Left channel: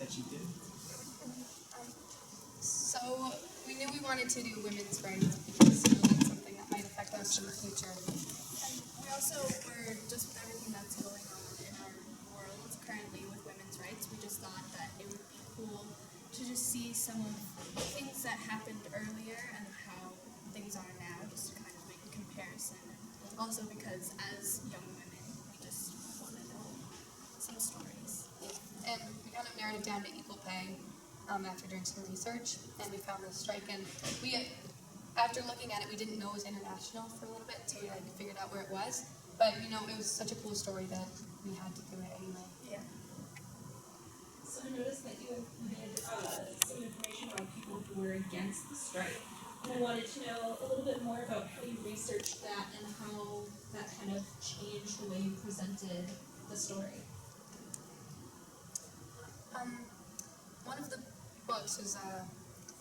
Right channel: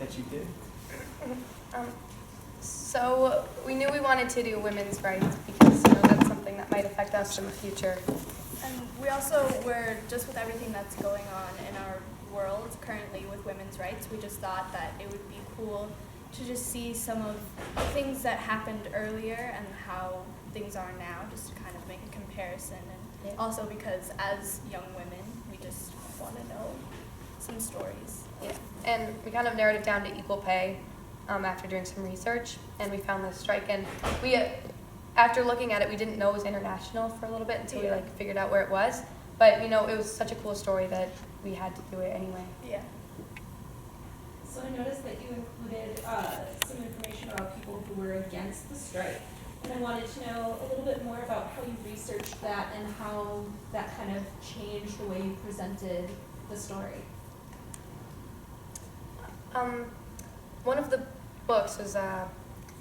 that you did? So we knew we wanted to do women's rights because that's something that might affect us in the future. And we also were, just with everything that's going on in our world currently with women's rights, we just thought that it would be cool to just see some of the things that happened earlier and how things are now, just to kind of make a comparison. And also because as young women, we just want to know some stories. Yeah. And we kind of narrowed it down to equal pay after doing some research, and we found this strike. And we, after looking at it, we didn't know it was international for a little bit until we figured out where it was. But it was such a cool story that we had to do it anyway. Yeah. So I noticed that you included some information about people who were against the strike. And I wanted to know a little bit more about how you researched that and how that kind of changed the way you presented the story. One of the books was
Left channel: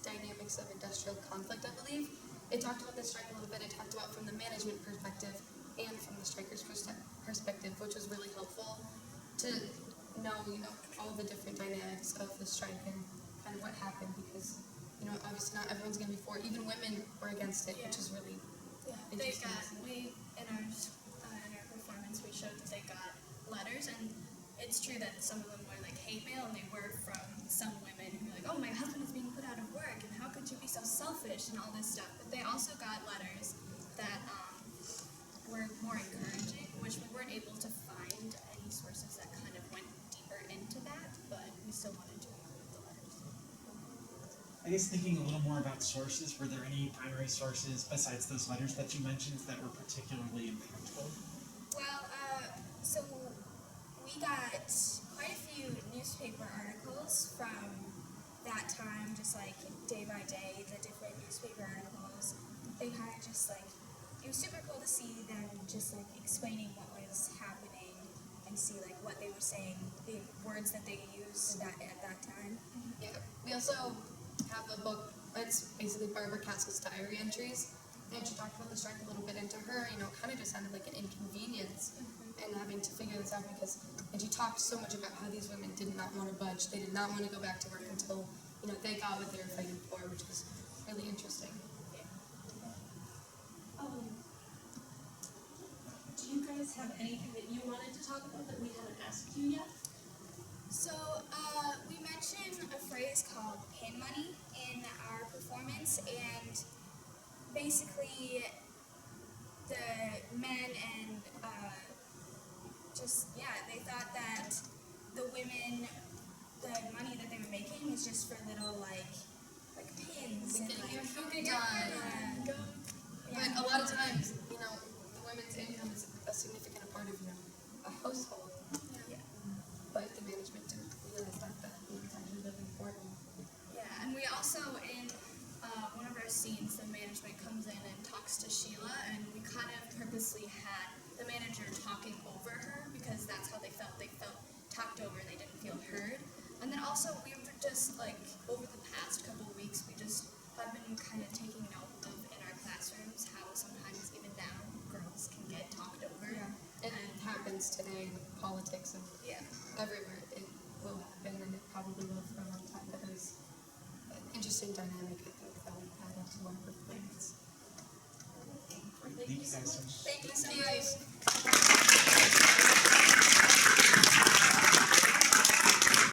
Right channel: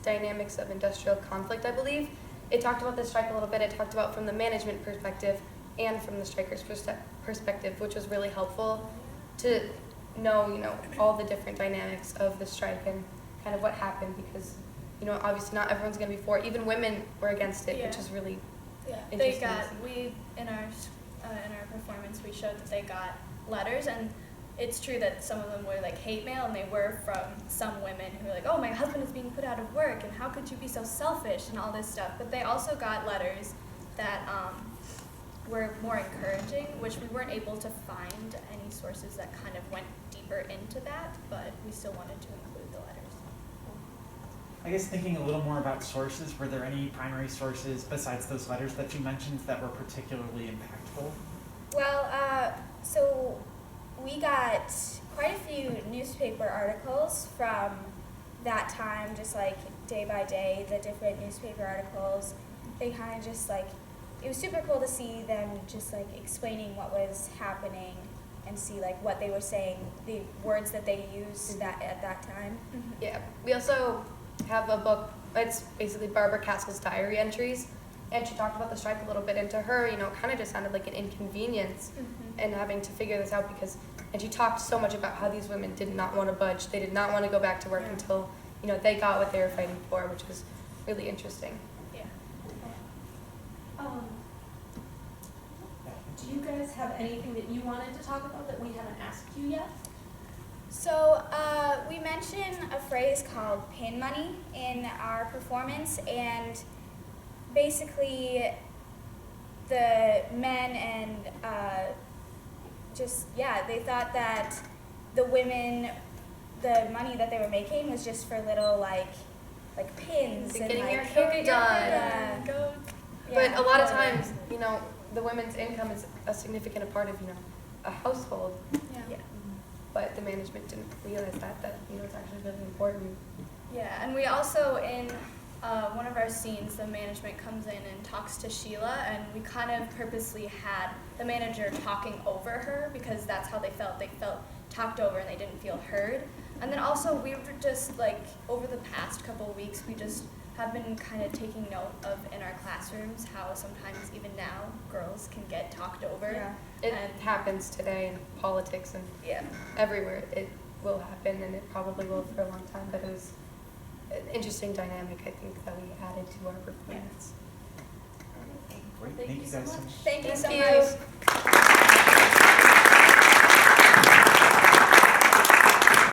Dynamics of Industrial Conflict, I believe. It talked about the strike a little bit. It talked about from the management perspective and from the strikers' perspective, which was really helpful to know, all the different dynamics of the strike and kind of what happened because, obviously not everyone's going to be for it. Even women were against it, which is really interesting. In our performance, we showed that they got letters, and it's true that some of them were like hate mail, and they were from some women who were like, oh, my husband is being put out of work, and how could you be so selfish, and all this stuff. But they also got letters that were more encouraging, which we weren't able to find any sources that kind of went deeper into that, but we still wanted to include the letters. I guess thinking a little more about sources, were there any primary sources besides those letters that you mentioned that were particularly impactful? Well, so we got quite a few newspaper articles from that time, just like day by day, the different newspaper articles. They kind of just it was super cool to see them just explaining what was happening and see what they were saying, the words that they used at that time. Mm-hmm. Yeah. We also have a book. It's basically Barbara Castle's diary entries, and she talked about the strike a little bit. And to her, it kind of just sounded like an inconvenience, and having to figure this out and she talked so much about how these women did not want to budge. They did not want to go back to work until they got what they were fighting for, which was really interesting. Do you guys have anything that you wanted to talk about that we haven't asked you yet? So we mentioned a phrase called pin money in our performance, and basically the men and they thought that the women, the money that they were making was just for little pins and getting your hair hair done. But a lot of times, the women's income is a significant part of, a household. Yeah. But the management didn't realize that it's actually really important. Yeah, and we also, in one of our scenes, the management comes in and talks to Sheila, and we kind of purposely had the manager talking over her because that's how they felt. They felt talked over and they didn't feel heard. And then also we were just over the past couple of weeks, we just have been kind of taking note of in our classrooms how sometimes even now girls can get talked over. Yeah. It happens today in politics and everywhere. It will happen, and it probably will for a long time, but it was an interesting dynamic, I think, that we added to our performance. Great. Thank you guys so much. Thank you so Thank you. much.